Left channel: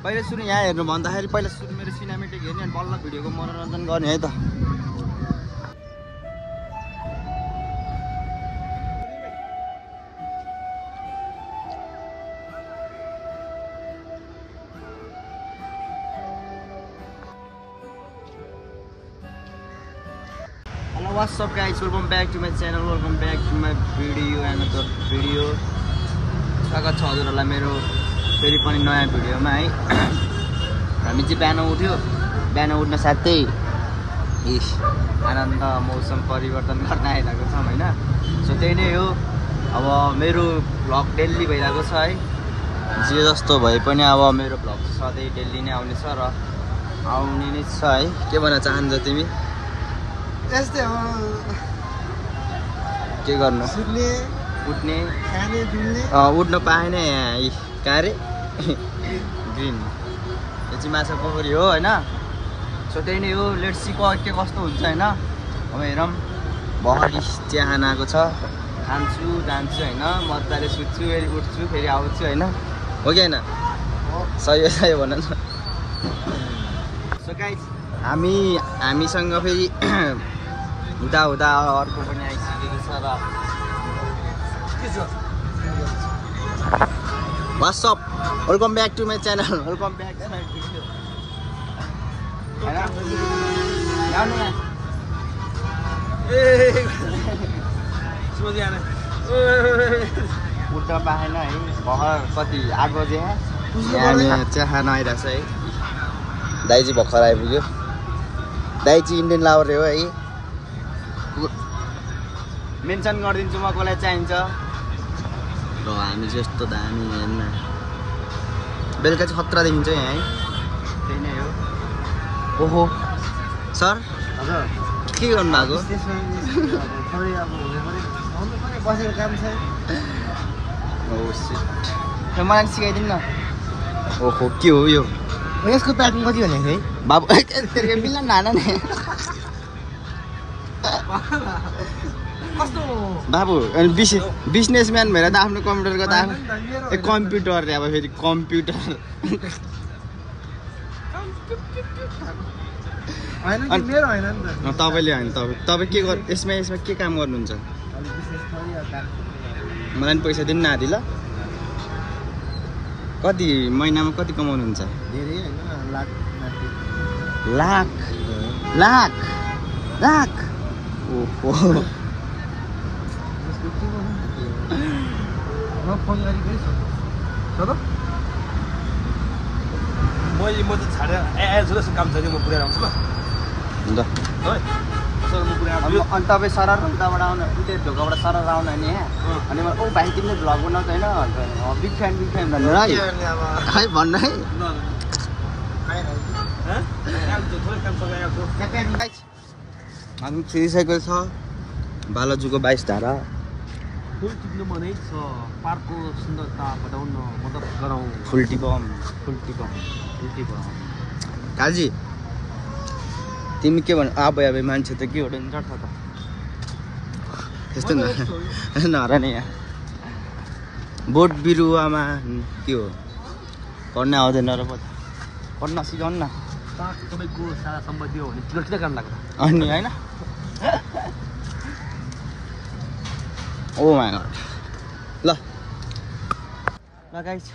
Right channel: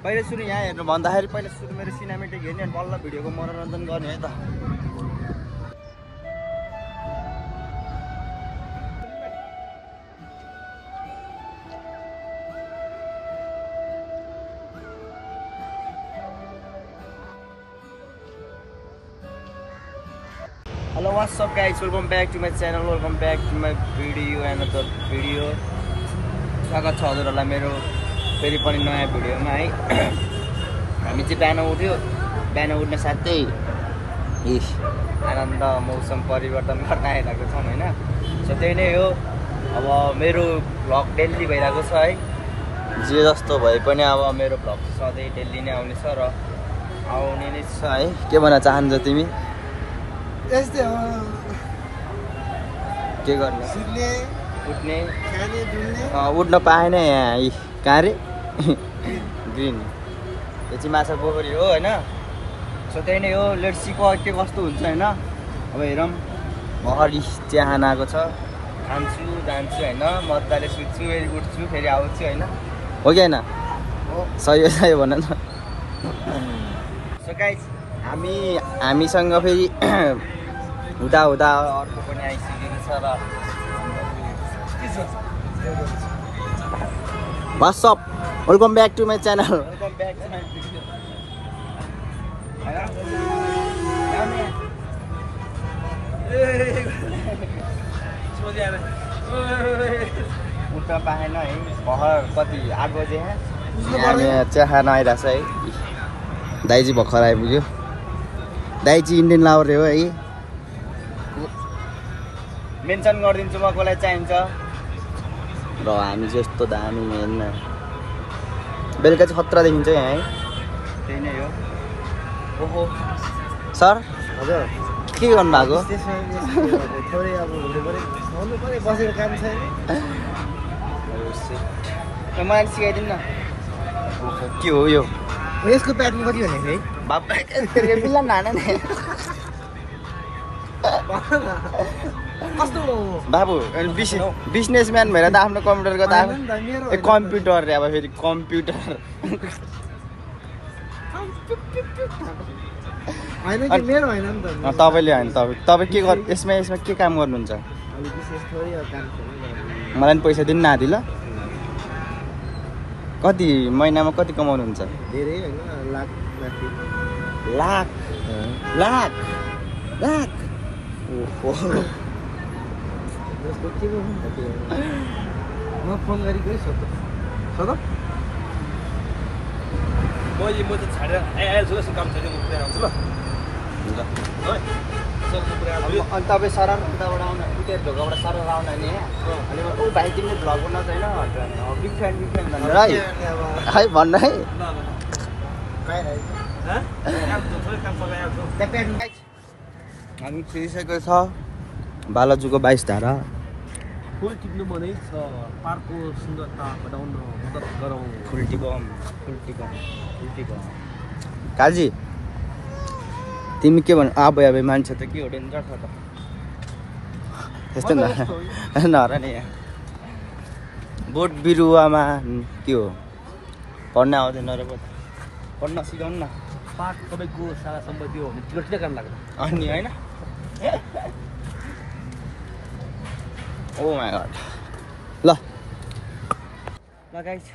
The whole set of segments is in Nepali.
पहिले सुरु यहाँ हेर्नु भन्दाखेरि पहिला सुरु मेरो सिनेमेटिक हेर्ने अनि बल्ल भिडियोको मनोरञ्जन गर्ने है त। Hello, what's up guys, welcome back to my channel, welcome back to my video, another video. स्वागत छ हजुरहरुलाई मेरो फेरि पनि नयाँ भिडियोमा है। हामी चाहिँ बिहान उठ्यो, बिहान उठ्न साथै आनन्द मौसम परिवर्तन गर्न आइरहेको छौं हैन। सो त्यही नै हो, अब मेरो भ्लग डेली भइरहेको छ है। जे जस्तो भए पनि अब मेरो भ्लग सधैँ डेली नै आउने छ र आउने नै छ है। के भन्न चाहन्छौ तिमी? यस्तै हो, के गर्नु? सुत्ने, उठ्ने, खाने, डुल्ने। उठ्न पाएन यहाँ कहाँ रे ग्रिन। यो चाहिँ माछा पोखरी हो हैन। सो त्यही नै हो, लेट्स सी के कस्तो हुन्छ हैन। अब हेरौँ, भर्खर चिया खान आएको छ, खान्छु जान्छु हैन, मजाले सुत्छु, फेरि उठ्छु, फेरि आउँछु हैन। हो कि हैन? सही सही भन न। सो गाइस, हामीसँग फेरि हुँदा हुँदा अर्को पनि आइसकेको छ र what's up, welcome back to my channel, welcome back to my video. उठ्न पाएन है, भर्खर कति आगो जे हामी चिया खान आइरहेछ है। दाइजी भर्खर आइपुग्यो, दाइजी इन्डियन लावर हो है। मेन्सन गरिदिन्छु म कसलाई चाहिन्छ र हामी जस्तो दामी हेर्न। बेलुका चाहिँ खतरा देखिन्छ यहाँ है। त्यही नै हो। ओहो सर, हजुर के गर्नु भएको? थोरै अब हुनु पर्यो, बसेर काम छैन। मलाई सिकाइदिनु न। ओहो के हो यो? यसको प्याटर्न कति भनेको है बाबु? बिल्ला नाना नि बाबु, बिजनेसम्यान भएर त आफ्नो कम्प्युटरको त आफ्नो कम्प्युटर रे। अब फेरि कम्प्युटर होइन कि मेरो होइन नि त। तपाईँले होइन, तपाईँ के गर्नु यसमा के काम गर्नुहुन्छ? मलाई पनि पैसा दिनु नआदि ल। कति महिनामा कति कमाउनुहुन्छ? धेरै होइन, लाख लाख लाख लाख। ओहो म फोन गरेकै सद म चाहिँ छाडेर सुरक्षित काम छैन, म पुऱ्याएर आउँछु ल। अनि तपाईँ सरर उताबाट आउनु, उता ढोकाबाट सरर आउनु नि यहाँ। अनि ओ भाइ तिम्रो भ्लग बनाउँछ होइन, बिग फ्यान भन्नु है, है भन्नु है। हामी छिरिसकेको छ बालाजुको 22 धारा। फुल टिप्नु मनै छ, पार्कको सुन्दरता बढाउन मद्दत गरौँ। फुल टिपम। काजी तिमी के भन्नु? अब मान्छे त के हो, डेन्जर छ त यस्तो नर नि। यहाँ बोट बिरुवामा के हो, पढ्न आउँदैन र पढ्न सिकाउनु न। तपाईँको सारा सम्पत्ति हो भने सुरक्षित काम लाग्छ अनि होइन। ओ माई गड। ल गाइस,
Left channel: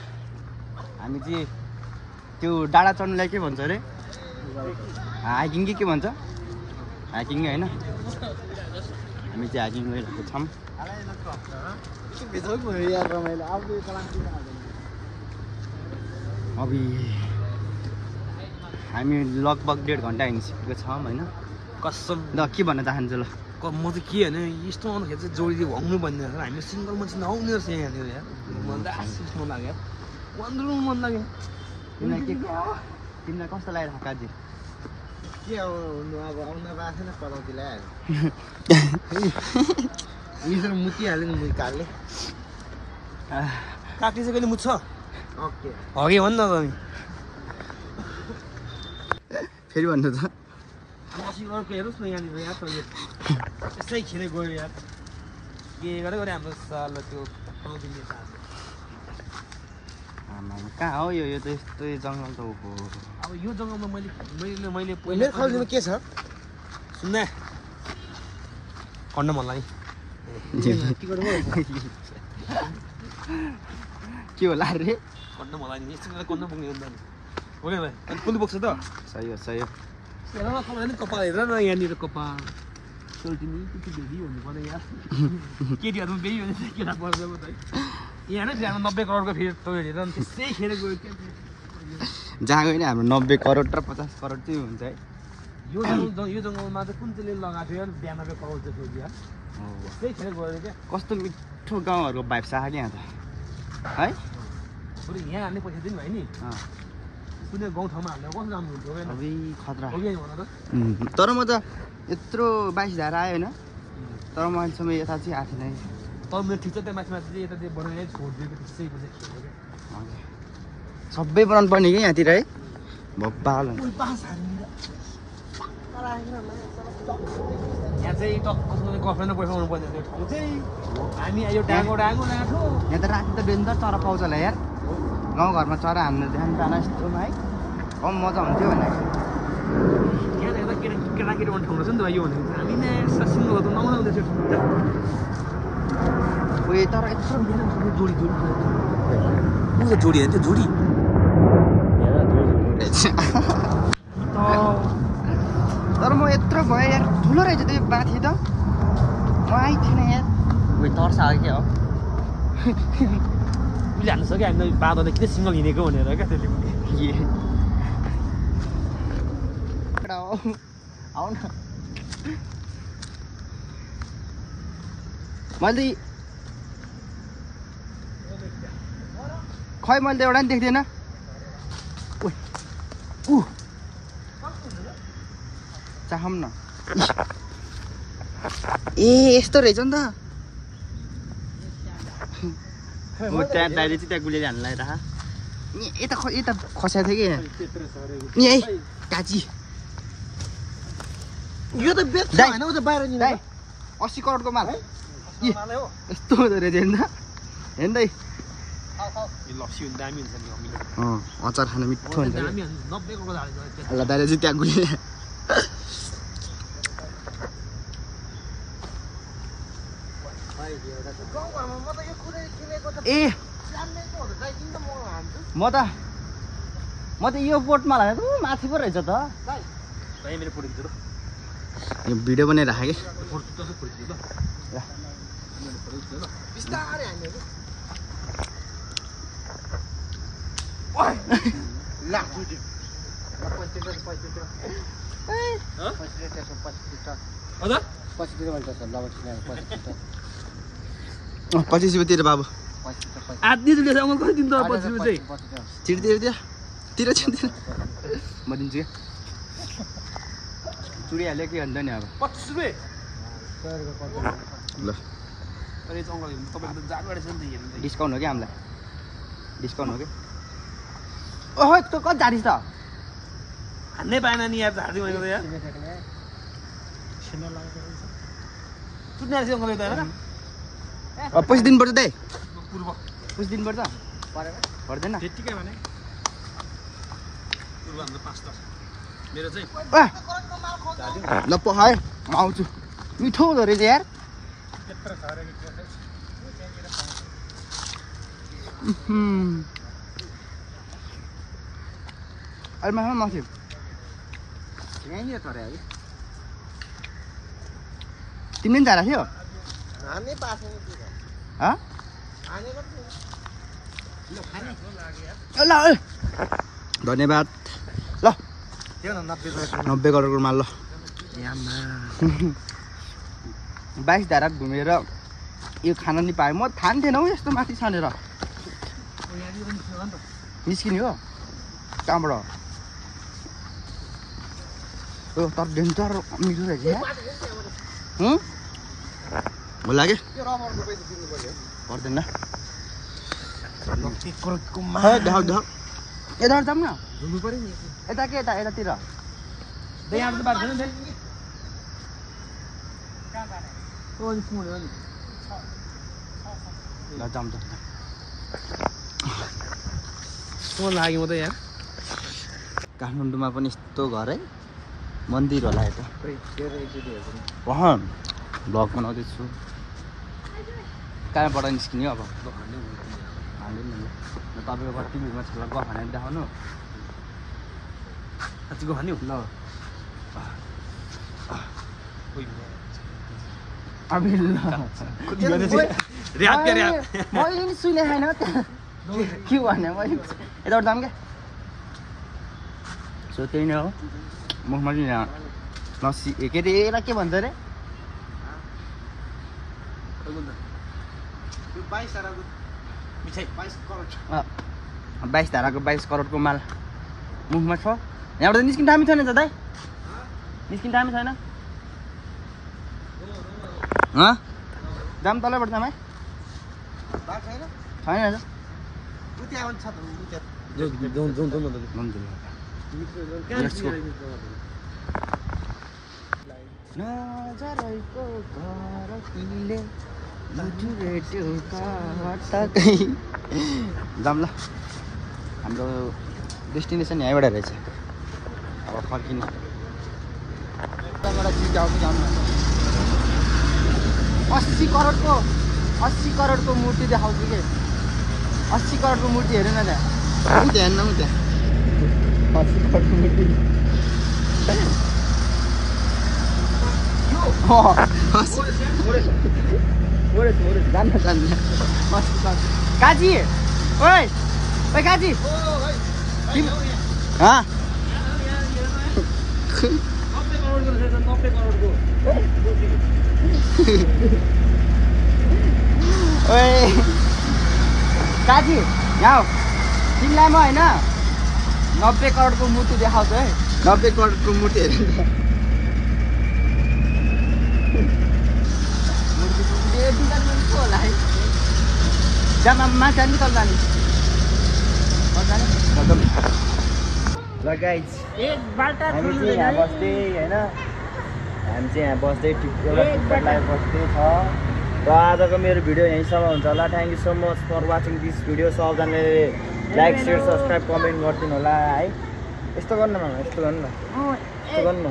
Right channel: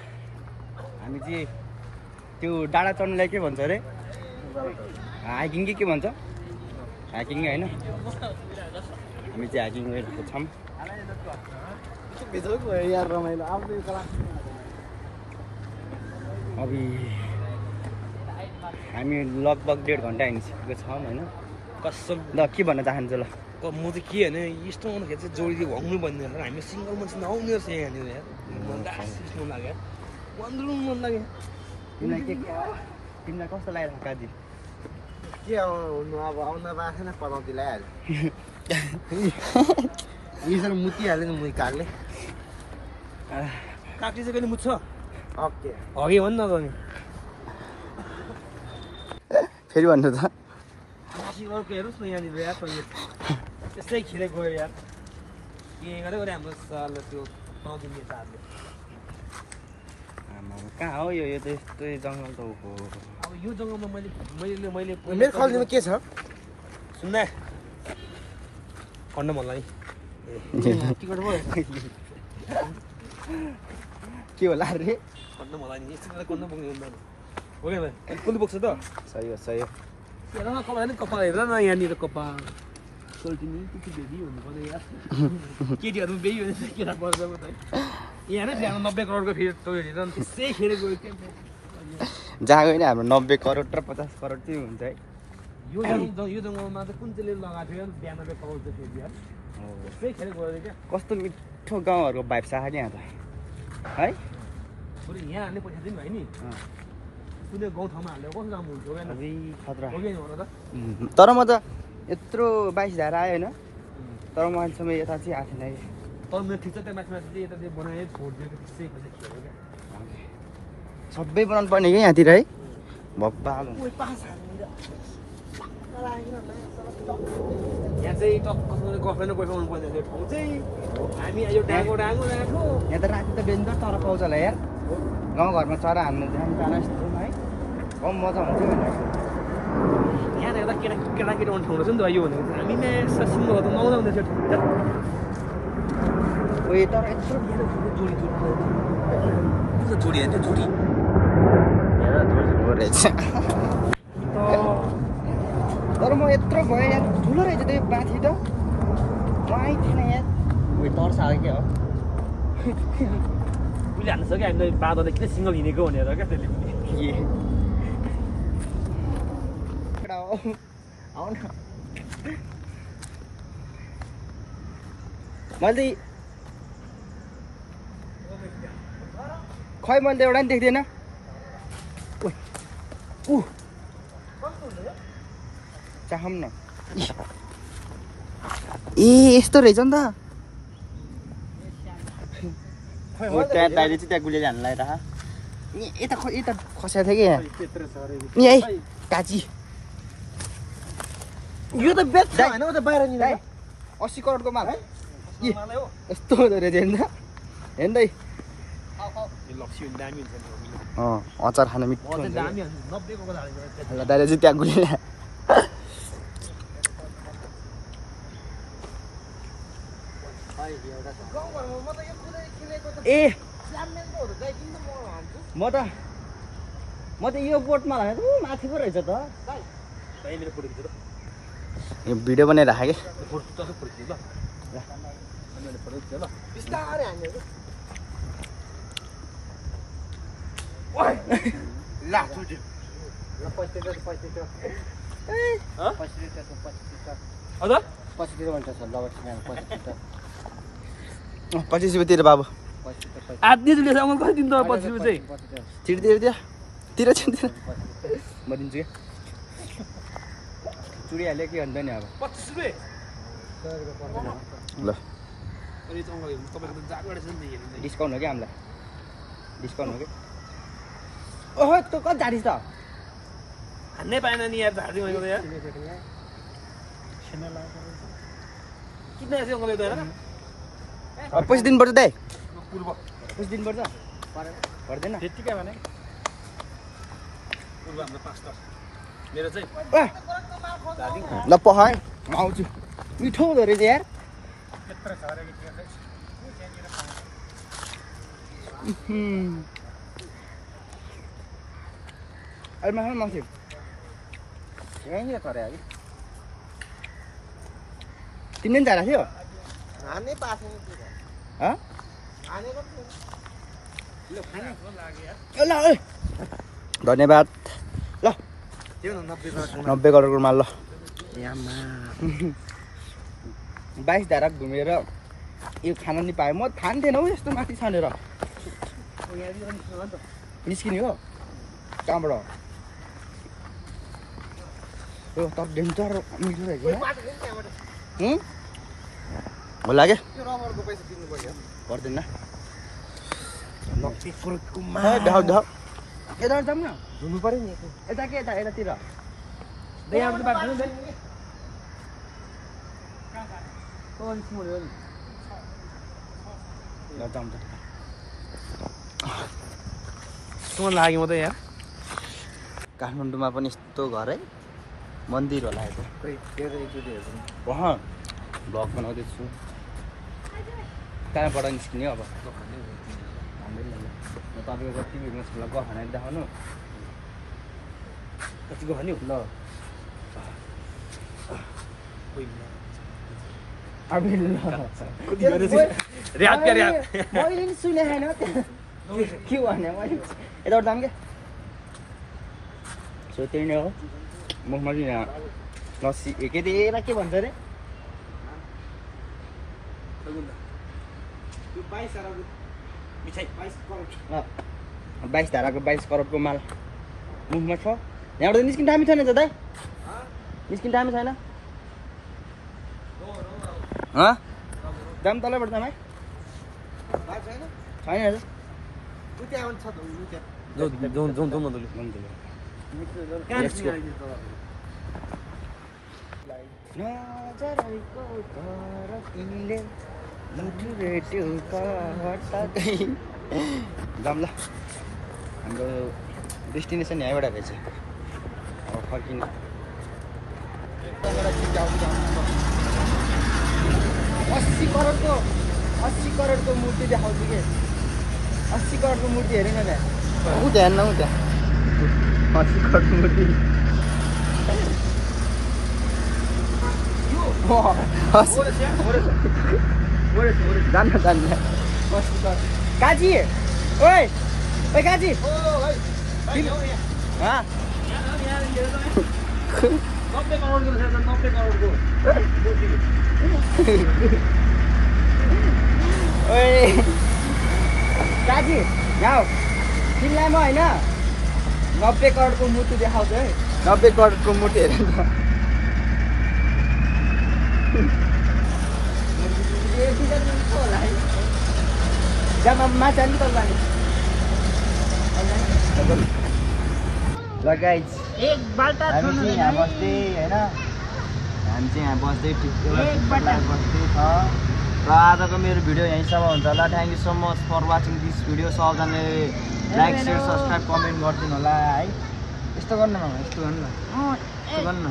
हामी चाहिँ त्यो डाँडा चढ्नुलाई के भन्छ अरे? हाइकिङ के भन्छ? हाइकिङ होइन, हामी चाहिँ हाइकिङ गइरहेको छौँ। अब हामी लगभग 1.5 घन्टा हिँडिसकेको छौँ होइन। कसम ल के भन्न चाहन्छु? ल म चाहिँ के होइन, यस्तो आउँदाखेरि चाहिँ जोडी भग्नु भन्ने रहेछ। हामी सिङ्गल मान्छे नआउने रहेछ यहाँनिर यार। मन लाग्यो, मन लाग्यो। तिमीलाई कस्तो लागिरहेको काजी? के आउनु, अब आउन बाँच्छ न, पलाउँदै लगाइहाल्यो। यसरी मुतिहाल्यो नि, मुई काट्ने चाहिँ कहिले मुत्छ? ओके हगि भन्नु न त। फेरि भन्नु त। मसिङको हेर्नुहोस् न यहाँनिर यार, यसै खिरे गयो यार। के गरेको हाम्रो साल त्यो पाउँदैन। आमा कहाँ हो यो त यस्तो जङ्गल त हो अब यो जङ्गलमा मैले पहिला मेरो फाल्टुमा के छ सुन्दा पढ्न मन लाग्यो के होला रे पढ्न मन लाग्यो यस्तो गर्न पुग्ने हुन्छ नि हो क्या भाइ कुन बोक्छ त सही हो हेर न कपाल कपाल हेर न यहाँनिर कपाल सोल्टिनी के बेबी हुनुपर्ने यार केटीहरू बेबी हुन्छ केटा पर्छ म त यहाँ नै बिहान 90 करोडको फेरि त्यो हेरेर त्यसै खेर गयो जहाँ गयो नि हाम्रो 90 करोड र 50 करोड चाहिँ हुन्छ है यो जङ्गलमा चाहिँ कुन चाहिँले लगाएको थियो 92 करोड जस्तो यार त्यसै खेर गयो क्या कस्तो मिठो गाउँहरूको भाइब छ नि यहाँ त है बरु यहाँ हाल्ने पछि दिन भाइ नि कुनै गाउँठाउँमा हाल्दा कस्तो राम्रो हुन्छ अबे खतरा हो कि भन त तर म त यत्रो 22 धारा आयो होइन तर म अहिलेसम्म यता चाहिँ आएको थिएन कि तर मेरो ठिक छ त्यहाँ माथि चाहिँ यता चाहिँ बनाए छोडिदिएको त्यसै पछि खेल्यो क्या सबै बनाउनु पर्ने कि यहाँतिर है भब्बाल यहाँ चाहिँ गर्लफ्रेन्ड र बोयफ्रेन्ड हुनुपर्ने त्यो ठाउँ चाहिँ हामी यो डाँगो नाठो यहाँ त राति त डेन्जर चरा पाउँछ होला यार गाउँघरमा चरा हान्न ध्यान जान यस्तोमा है कम मजा हुन्थ्यो भने यहाँ त केटाकेटी आउने ठाउँ रहेछ नि त यो भनेको हामी नै सिङ्गल त नआउँदा हुँदैछ उयो तर यत्रो जोडी हेर्नु जोडी तर म यत्रो भयो यार ठुलो रहेछ त्यो माथि त म आइथिएन यार उयो तर्स आयो क्या हो उसले हान्नु सक्यो हामी बाँधो किन सिङ्गल हिँडेको भनेर क्या त्यसले आउ न मैले खै मैले त एउटा नि देख्दिनँ चाहम न ए यस्तो रहेछ नि त हो त्यहाँ दाइले चाहिँ त्यहाँ गुलिएर हान्नु लगाएर यता खसाएको थियो कि यहाँ नि है काची यो त बेच्छ हैन उ त बाहिर नि दाइ 80 करोडको माल यस्तो हुँदो रहेछ हेर्नु त हेर्नु दाइ अचार खानु मिठो हुन्छ ल दाइले चाहिँ त्यहाँ गुलिएर ए म त यो बोटमा लाग्यो त माथि पो रहेछ त यो भिडियो बनाएर राखेँ कि 25 रुपियाँ तिर बाबु आधी जुले अङ्कल कति दिनु त 25 रुपियाँ चाहिँ तिर म दिन्छु क्या चुडिहाल्यो के अन्त नि अब 25 रुपियाँ ल डिस्काउन्ट हो कि हामीलाई डिस्काउन्ट हो कि ओहो त्यो कति झाडी छ हान्नै पाएन नि यार झाडी होइन त यार चुट्ने आएछ अङ्कल यता होइन पैसा दिनुपर्छ दाइ पूर्व पैसा दिनुपर्छ पर्दैन त्यतिकै भने पूर्व हाम्रो 5 त मेरो चाहिँ ल पखाए म आउँछु मिठो हुँदो रहेछ यार अहिले माथि माथि यहीँनिर तर अरे तिमीले पनि झारा थियो ल धन्यवाद ल 90 करोडको माल ल 22 धारा घुमेर यो खान नि पाएँ म थान्थेन हौ यस्तो माथि छानेर निस्किने हो कहाँबाट हो तर डेन्जर मिठो रहेछ होला क्या पर्दैन यता जाऊँ न धुनु पर्यो नि यता के यता यतातिर ल जाऊँ त लाग्यो म त यहाँ काठमाडौँमा पनि यस्तो घर है मन्दिर होला यो त भ्लग बनाउँदैछु कहाँबाट निस्किने अब भन्दै ल तपाईँको कति भिडमा छ ल गफ भनेर देखाउनु साँच्चीको खाने हो ल अब मैले नि सुने छैन के भने मैले यताबाट जाऊँ क्या सो त्यही नै हो मुखमा चाहिँ यहाँ लस्सी के अरे यसलाई के भन्छ अरे 22 धाराको 22 करोडको माल मुखमा छ यहाँबाट निस्किन दामी छैन त दाइ निस्किन दामी छैन दाम तलैबाट जाम है छैन Let's go. जाम ल हाम्रो डेस्टिनेसन यहीँबाट रहेछ अब फर्किने चिज आउँछ जाउँ न 80 करोडको मूर्ति देखाउँछु कि 80 करोडको मूर्ति हेर्नु न त्यहाँ ऊ त्यहाँ हेर्न ऊ त्यहाँ 80 करोडको मूर्ति जान्न जान्न काजी ओइ ओइ काजी हाँ 90 करोडको रहेछ 90 करोडको ओए काजी यहाँ तिमीलाई म होइन 90 करोडको मूर्ति देखाउँछु है 90 करोडको मूर्ति हेरेर होला है जहाँ माथि जाने तल जाने ल गाइज हामी चाहिँ यहाँ बस्दै होइन हामी चाहिँ यहाँ बस्दै एउटा लाइभ बस्दै छ र आजको मेरो भिडियो यहीँसम्म हुन्छ होला thank you so much for watching this video सबजनाले लाइक सेयर सब्सक्राइब कमेन्ट गरिदिनु होला है यस्तो गर्नु न यस्तो गर्नु न यस्तो गर्नु